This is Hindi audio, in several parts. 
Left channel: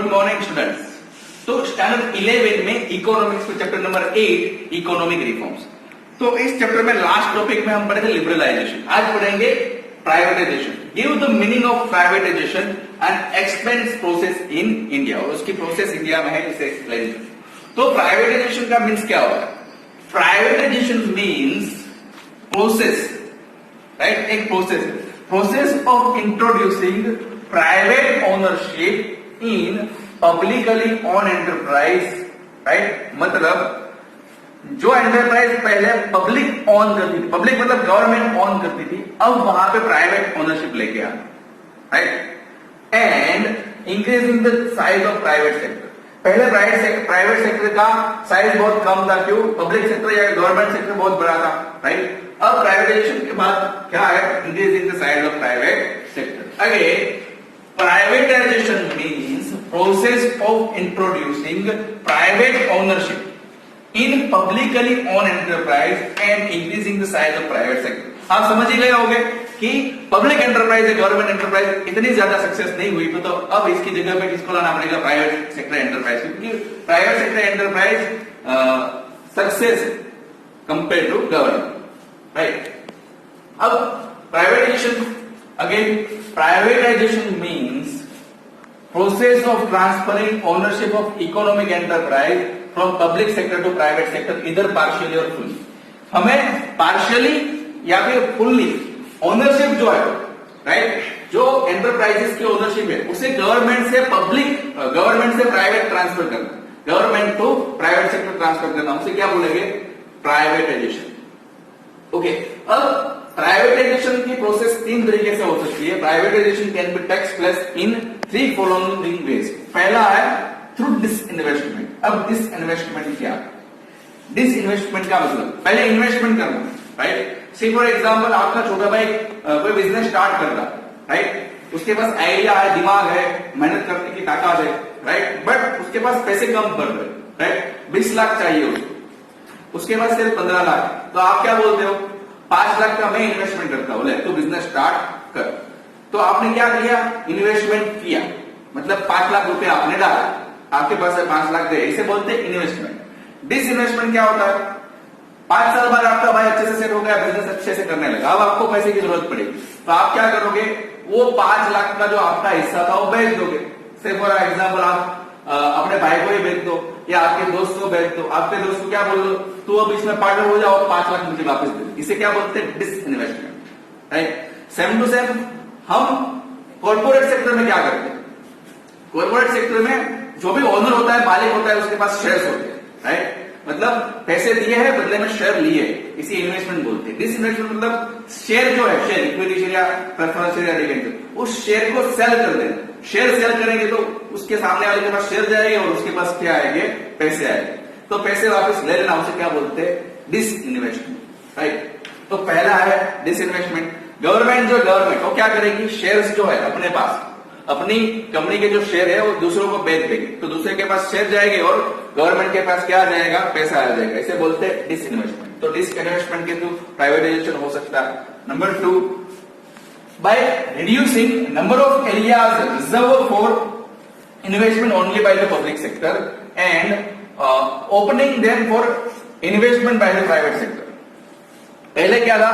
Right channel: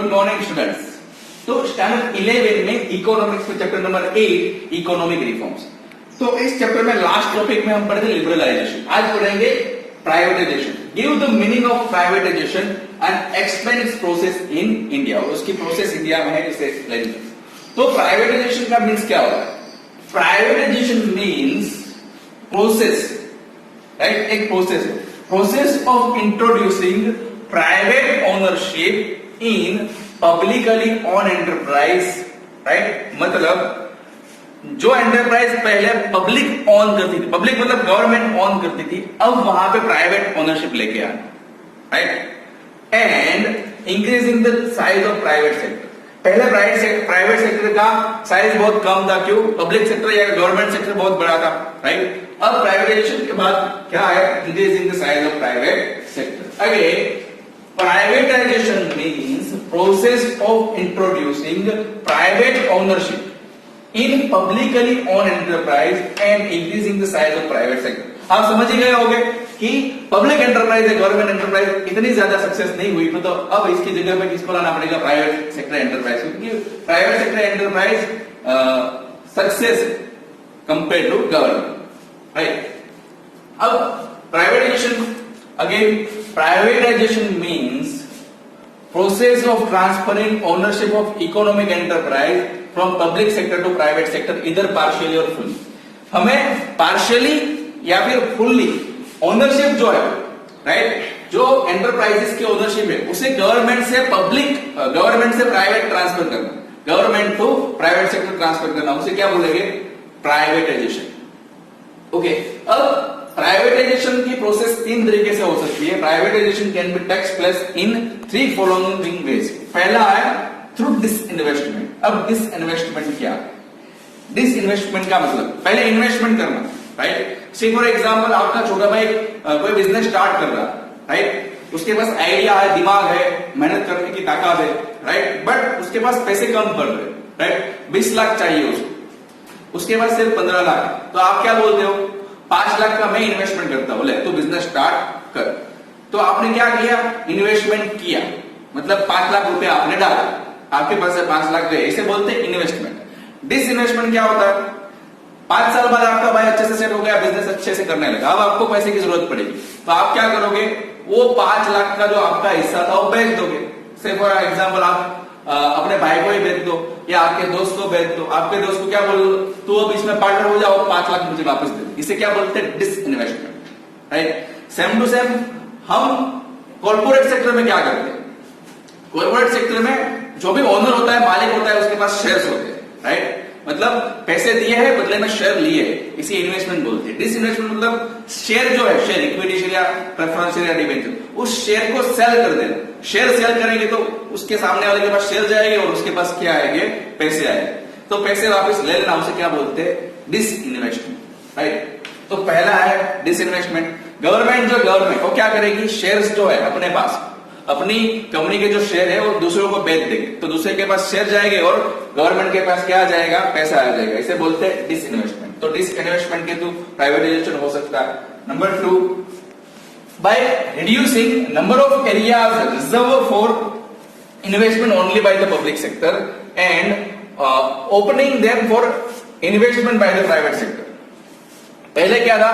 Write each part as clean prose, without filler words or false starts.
Good morning students. तो स्टैंडर्ड 11 में इकोनॉमिक्स में चैप्टर नंबर 8 इकोनॉमिक रिफॉर्म्स। तो इस चैप्टर में लास्ट टॉपिक में हम पढ़ेंगे लिबरलाइजेशन। आज पढ़ेंगे privatisation. Give the meaning of privatisation and explain it's process in India. उसकी प्रोसेस इंडिया में है, इसे एक्सप्लेन करें। तो प्राइवेटाइजेशन का मीन्स क्या होता है? Privatisation means process, right? एक प्रोसेस है, process of introducing private ownership in publicly on enterprise, right? मतलब जो एंटरप्राइज पहले पब्लिक ऑन करती थी, पब्लिक मतलब गवर्नमेंट ऑन करती थी, अब वहां पे प्राइवेट ओनरशिप लेके आना, right? And increasing the size of private sector. पहले प्राइवेट सेक्टर का साइज बहुत कम था, क्यों? पब्लिक सेक्टर या गवर्नमेंट सेक्टर बहुत बड़ा था, राइट? अब प्राइवेटाइजेशन के बाद क्या है? Increasing the size of private sector. Again privatization means process of introducing private ownership in publicly owned enterprise and increasing the size of private sector। आप समझ ही गए होंगे कि पब्लिक एंटरप्राइज या गवर्नमेंट एंटरप्राइज इतनी ज्यादा सक्सेस नहीं हुई, तो अब इसकी जगह पे किसको लाना पड़ेगा? प्राइवेट सेक्टर एंटरप्राइज, क्योंकि private sector enterprise success compare to government, right? अब privatisation, again privatization means process of transferring ownership of economic enterprise from public sector to private sector, either partially or fully। हमें partially या फिर fully ओनरशिप जो है, राइट, जो एंटरप्राइजेस की ओनरशिप है उसे गवर्नमेंट से प्राइवेट ट्रांसफर करना, government to private sector transfer करना, उसे क्या बोलेंगे? प्राइवेटाइजेशन। ओके, अब प्राइवेटाइजेशन की प्रोसेस तीन तरीके से हो सकती है। Privatization can be takes place in three following ways. पहला है थ्रू डिसइन्वेस्टमेंट। अब डिसइन्वेस्टमेंट क्या है? डिसइन्वेस्टमेंट का मतलब पहले इन्वेस्टमेंट करना, राइट? से फॉर एग्जांपल आपका छोटा भाई कोई बिजनेस स्टार्ट कर रहा है, राइट? उसके पास आइडिया है, दिमाग है, मेहनत करने की ताकत है, राइट? बट उसके पास पैसे कम पड़ रहे, राइट? 20 लाख चाहिए उसको, उसके पास सिर्फ 15 लाख। तो आप क्या बोलते हो? 5 लाख का मैं इन्वेस्टमेंट करता हूं, बोले तो बिजनेस स्टार्ट कर। तो आपने क्या किया? इन्वेस्टमेंट किया, मतलब 5 लाख रुपया आपने डाला, आपके पास 5 लाख गए, इसे बोलते हैं इन्वेस्टमेंट। डिसइन्वेस्टमेंट क्या होता है? 5 साल बाद आपका भाई अच्छे से सेट हो गया, बिजनेस अच्छे से करने लगा, अब आपको पैसे की जरूरत पड़ेगी, तो आप क्या करोगे? वो 5 लाख का जो आपका हिस्सा था वो बेच दोगे। से फॉर एग्जाम्पल आप अपने भाई को ही बेच दो या आपके दोस्त को बेच दो। आपके दोस्त को क्या बोल दो? तू अब इसमें पार्टनर हो जाओ, 5 लाख मुझे वापस दे। इसे क्या बोलते हैं? Disinvestment, right? Same to same हम कॉर्पोरेट सेक्टर में क्या करते हैं? कॉर्पोरेट सेक्टर में जो भी ओनर होता है, मालिक होता है, उसके पास शेयर्स होते हैं, राइट? मतलब पैसे दिए हैं, बदले में शेयर लिए, इसी इन्वेस्टमेंट बोलते हैं। डिसइन्वेस्टमेंट मतलब शेयर जो है, शेयर इक्विटी शेयर या प्रेफरेंस शेयर या डिबेंचर, उस शेयर को सेल कर देना। शेयर सेल करेंगे तो उसके सामने वाले के पास शेयर जाएंगे और उसके पास क्या आएंगे? पैसे आएंगे। तो पैसे वापस ले लेना, उसे क्या बोलते हैं? Disinvestment, right? तो पहला है डिसइन्वेस्टमेंट। गवर्नमेंट वो क्या करेगी? शेयर्स जो है अपने पास, अपनी कंपनी के जो शेयर है वो दूसरों को बेच देंगे, तो दूसरे के पास शेयर जाएंगे और गवर्नमेंट के पास क्या आ जाएगा? पैसा आ जाएगा। इसे बोलते हैं डिसइन्वेस्टमेंट। तो डिसइन्वेस्टमेंट के थ्रू प्राइवेटाइजेशन हो सकता है। Number 2, by reducing number of areas reserve for investment only by the public sector and opening them for investment by the private sector. पहले क्या था?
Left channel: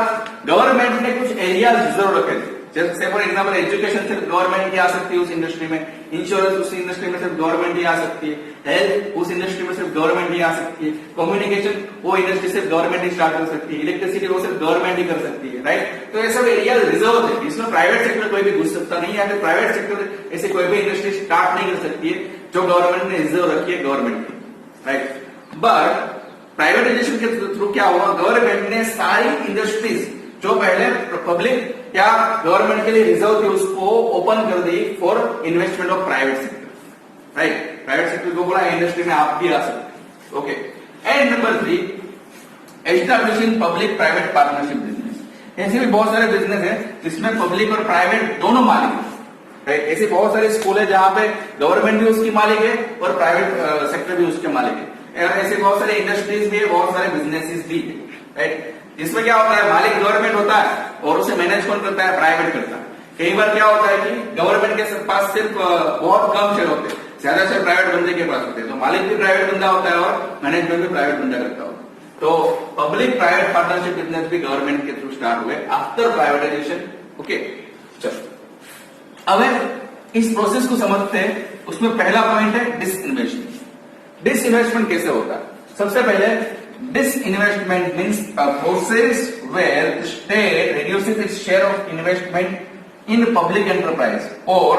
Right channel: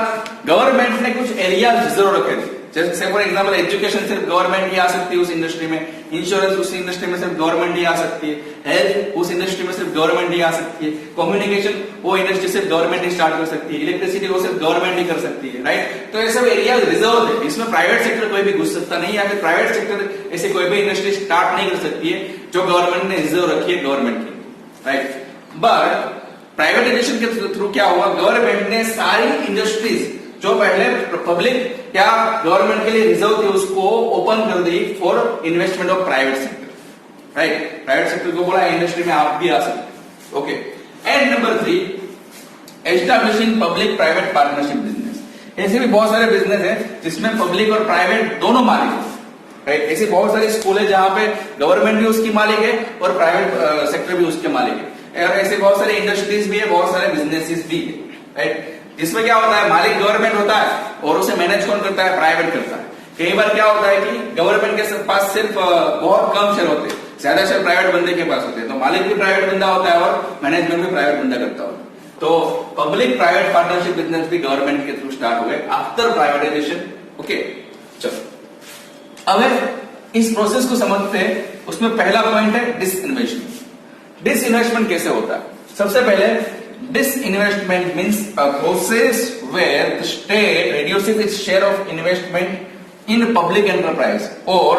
गवर्नमेंट ने कुछ एरियाज रिजर्व रखे थे, जैसे फॉर एग्जाम्पल एजुकेशन सिर्फ गवर्नमेंट ही आ सकती है उस इंडस्ट्री में, इंश्योरेंस उस इंडस्ट्री में सिर्फ गवर्नमेंट ही आ सकती है, हेल्थ उस इंडस्ट्री में सिर्फ गवर्नमेंट ही आ सकती है, कम्युनिकेशन वो इंडस्ट्री सिर्फ गवर्नमेंट ही स्टार्ट कर सकती है, इलेक्ट्रिसिटी वो सिर्फ गवर्नमेंट ही कर सकती है, राइट? तो ये सब एरिया रिजर्व है, इसमें प्राइवेट सेक्टर कोई भी घुस सकता नहीं, या फिर प्राइवेट सेक्टर ऐसे कोई भी इंडस्ट्री स्टार्ट नहीं कर सकती है जो गवर्नमेंट ने रिजर्व रखी है गवर्नमेंट की, राइट? बट प्राइवेटाइजेशन के थ्रू क्या हुआ? गवर्नमेंट ने सारी इंडस्ट्रीज जो पहले पब्लिक या गवर्नमेंट के लिए रिजर्व थे उसको ओपन कर दी for investment of private sector, right? Private sector को बोला इंडस्ट्री में आप भी आ सकते, okay? And number 3, establishing public private partnership business. ऐसे भी बहुत सारे बिजनेस है जिसमें पब्लिक और प्राइवेट दोनों मालिक है, राइट? ऐसी बहुत सारे स्कूल है जहां पे गवर्नमेंट भी उसकी मालिक है और प्राइवेट सेक्टर भी उसके मालिक है। ऐसे बहुत सारे इंडस्ट्रीज भी है, बहुत सारे बिजनेसेस भी है, राइट? जिसमें क्या होता है? मालिक गवर्नमेंट होता है और उसे मैनेज कौन करता है? प्राइवेट करता है। कई बार क्या होता है कि गवर्नमेंट के पास सिर्फ बहुत कम शेयर होते हैं, ज्यादा शेयर प्राइवेट बंदे के पास होते हैं, तो मालिक भी प्राइवेट बंदा होता है और मैनेजमेंट भी प्राइवेट बंदा करता हो। तो पब्लिक प्राइवेट पार्टनरशिप बिजनेस भी गवर्नमेंट के थ्रू स्टार्ट हुए आफ्टर प्राइवेटाइजेशन। ओके, चलो अब इस प्रोसेस को समझते हैं। उसमें पहला पॉइंट है डिसइन्वेस्टमेंट। डिसइन्वेस्टमेंट कैसे होता है? सबसे पहले disinvestment means a process where the state reduces its share of investment in public enterprise or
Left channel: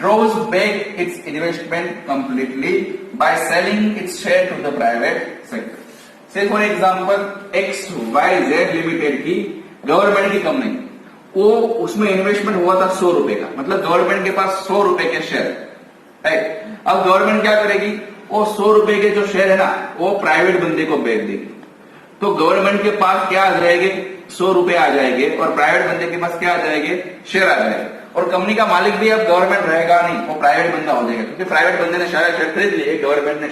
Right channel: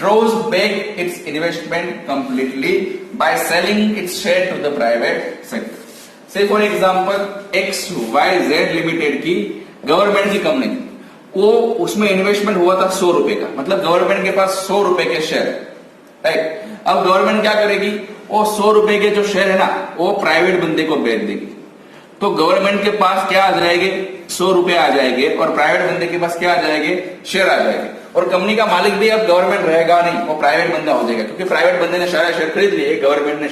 draws back its investment completely by selling its share to the private sector. Say for example, XYZ Limited की गवर्नमेंट की कंपनी, वो उसमें इन्वेस्टमेंट हुआ था 100 रुपए का, मतलब गवर्नमेंट के पास 100 रुपए के शेयर, राइट। अब गवर्नमेंट क्या करेगी, वो 100 रुपए के जो शेयर है ना, वो प्राइवेट बंदे को बेच देगी। तो गवर्नमेंट के पास क्या आ जाएंगे, 100 रुपए आ जाएंगे, और प्राइवेट बंदे के पास क्या आ जाएंगे, शेयर आ जाएंगे। और कंपनी का मालिक भी अब गवर्नमेंट रहेगा नहीं, वो प्राइवेट बंदा हो जाएगा, क्योंकि प्राइवेट बंदे ने सारे शेयर खरीद लिए, गवर्नमेंट ने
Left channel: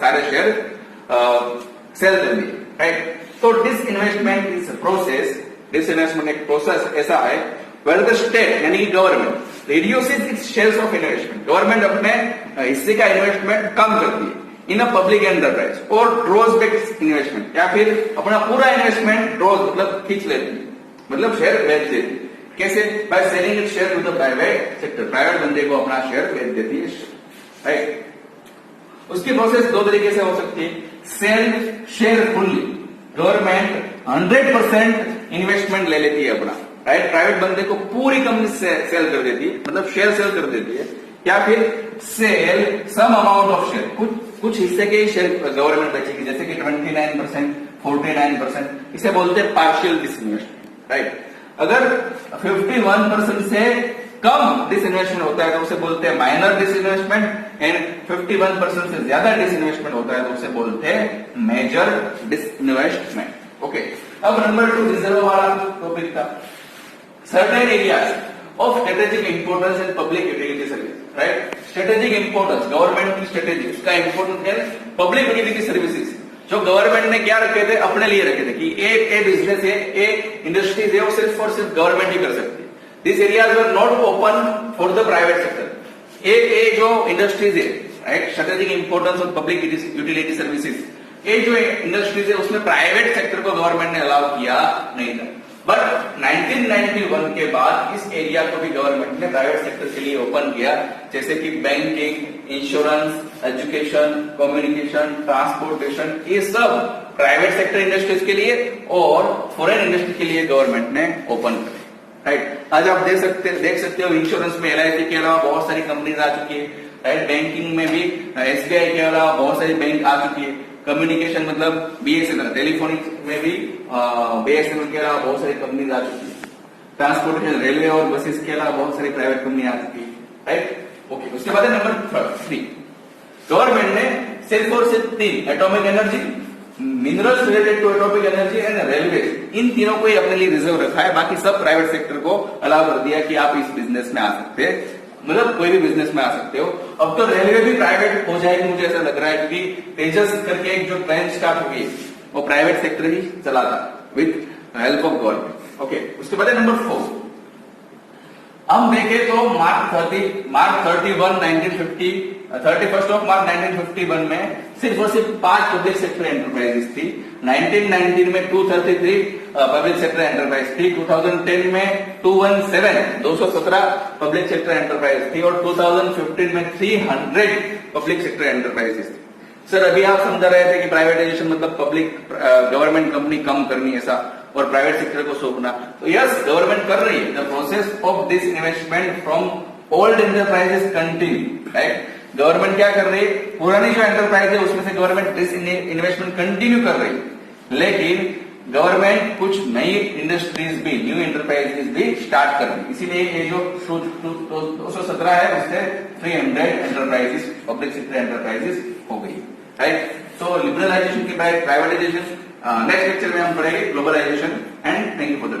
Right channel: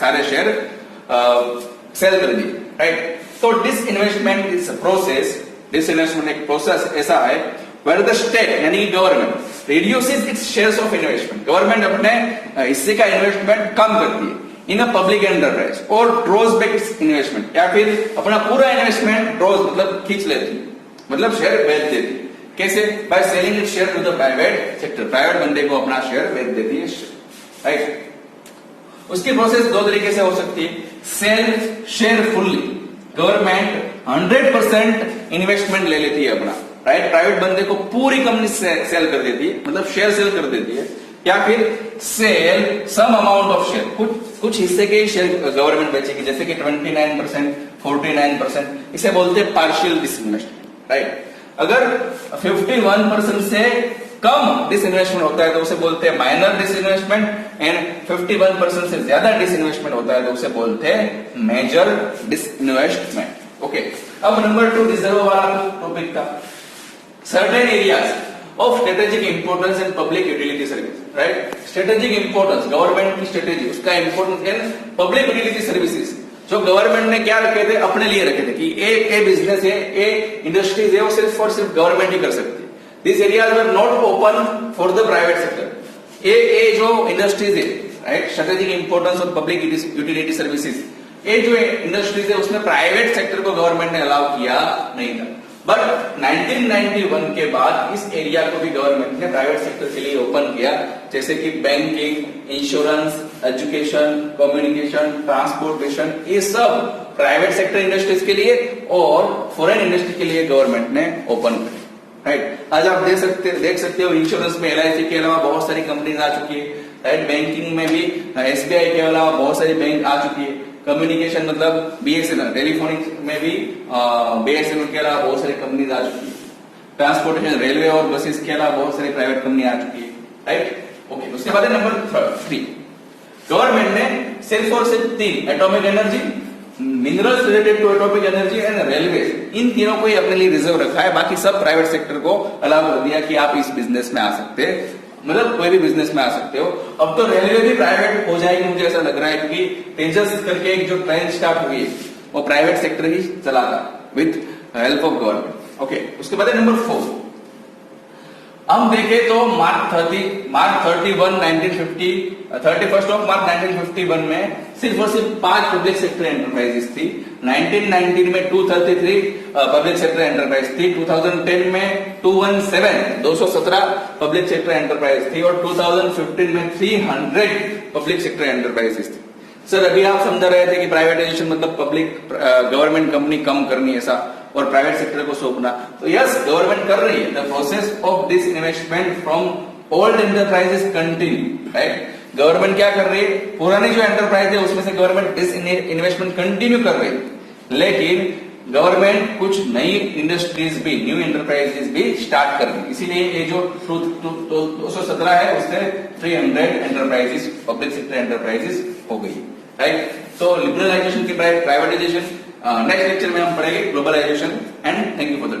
सारे शेयर सेल कर दिए, राइट। तो डिसइन्वेस्टमेंट इज प्रोसेस, डिसइन्वेस्टमेंट एक प्रोसेस ऐसा है वेयर द स्टेट यानी कि government reduces it's shares of investment, government अपने हिस्से का इन्वेस्टमेंट कम करती है इन अ पब्लिक एंटरप्राइज, और ड्रॉज बैक इट्स इन्वेस्टमेंट, या फिर अपना पूरा इन्वेस्टमेंट ड्रॉज मतलब खींच लेती है, मतलब शेयर बेच देती है। कैसे? By selling its share to the private sector, private बंदे को अपना शेयर बेच देती है, राइट। उसकी प्रोसेस दो तरीके से हो सकती है। Sell share fully, government 100% investment ले लेती है अपना, राइट, प्राइवेट बंदे को पूरी कंपनी सेल कर देती है, मतलब शेयर सेल कर देती है। या फिर sell some amount of share, कुछ हिस्से के ही शेयर गवर्नमेंट बेचेगी, जैसे कि 29%, 49%, इसे बोलते हैं पार्शियल डिसइन्वेस्टमेंट, राइट। अगर 51% से कम डिसइन्वेस्टमेंट होता है तो उसे बोलते हैं माइनर डिसइन्वेस्टमेंट, एंड 51% से ज्यादा डिसइन्वेस्टमेंट होता है तो उसे बोलते हैं मेजर डिसइन्वेस्टमेंट। ओके, अब नंबर 2 रिजर्व वाला टॉपिक का, certain areas of strategic importance and public utility service, right. Strategic importance, government की स्ट्रेटेजी, उसका इंपोर्टेंस है पब्लिक यूटिलिटी सर्विसेज, जो गवर्नमेंट ने क्या रखे थे, अपने लिए रखे थे कि ए बिजनेस है, ए इंडस्ट्रीज है, वो सिर्फ और सिर्फ गवर्नमेंट ही कर सकती है। These areas were not open for the private sector. ये जो इंडस्ट्रीज है, right, strategic importance of public utility services, ये जो इंडस्ट्रीज है उसमें प्राइवेट सेक्टर को गवर्नमेंट ने अलाउ किया नहीं था। बट 1991 के बाद इस एरिया को भी गवर्नमेंट ने प्राइवेट सेक्टर के लिए ओपन किया, जैसे कि banking, insurance, education, communication, transportation, ये सब प्राइवेट सेक्टर इंडस्ट्रीज के लिए और फॉरेन इंडस्ट्री के लिए गवर्नमेंट ने ओपन किया, राइट। आज आप देख सकते हो इंश्योरेंस में LIC के अलावा बहुत सारी कंपनीज आ चुकी है, राइट। बैंकिंग में भी SBI के अलावा बहुत सारी बैंक आ चुकी है। कम्युनिकेशन मतलब BSNL, टेलीफोनिक में भी BSNL के अलावा बहुत सारी कंपनीज आ चुकी है। ट्रांसपोर्टेशन, रेलवे और बसेस के अलावा बहुत सारी प्राइवेट कंपनी आ चुकी है, राइट। ओके, उसके बाद नंबर 3, गवर्नमेंट ने सिर्फ और सिर्फ 3 atomic energy, minerals related to atomic energy and railway, इन तीनों को ही अपने लिए रिजर्व रखा है, बाकी सब प्राइवेट सेक्टर को अलाउ कर दिया कि आप इस बिजनेस में आ सकते हैं, मतलब कोई भी बिजनेस में आ सकते हो। अब तो रेलवे भी प्राइवेट हो जाएगी, मुझे ऐसा लग रहा है, क्योंकि तेजस करके एक जो ट्रेन स्टार्ट हुई है वो प्राइवेट सेक्टर ही चलाता with help of government. Okay, उसके बाद नंबर 4, हम देखें तो मार्च 31, 1951 में सिर्फ और सिर्फ 5 पब्लिक सेक्टर एंटरप्राइजेस थी। 1919 में 233 पब्लिक सेक्टर एंटरप्राइज थी, 2010 में 217 पब्लिक सेक्टर एंटरप्राइज थी, और 2015 में 300 पब्लिक सेक्टर एंटरप्राइजेस थी। सर, अभी आप समझा रहे थे कि प्राइवेटाइजेशन मतलब पब्लिक गवर्नमेंट कंपनी कम करनी ऐसा और प्राइवेट सेक्टर को सौंपना, तो यस, गवर्नमेंट कर रही है। The process of disinvestment from old enterprises continue, right. Government क्या कर रही है, पुरानी जो एंटरप्राइज है उसमें से गवर्नमेंट डिसइन्वेस्टमेंट कंटिन्यू कर रही है, लेकिन गवर्नमेंट कुछ नई इंडस्ट्रीज भी, न्यू एंटरप्राइजेस भी स्टार्ट कर रही है। इसीलिए ये जो 217 है उससे 300 एंटरप्राइजेस, पब्लिक सेक्टर एंटरप्राइजेस हो गई, राइट। तो लिबरलाइजेशन के बाद प्राइवेटाइजेशन, नेक्स्ट लेक्चर में हम पढ़ेंगे globalization, and thank you for the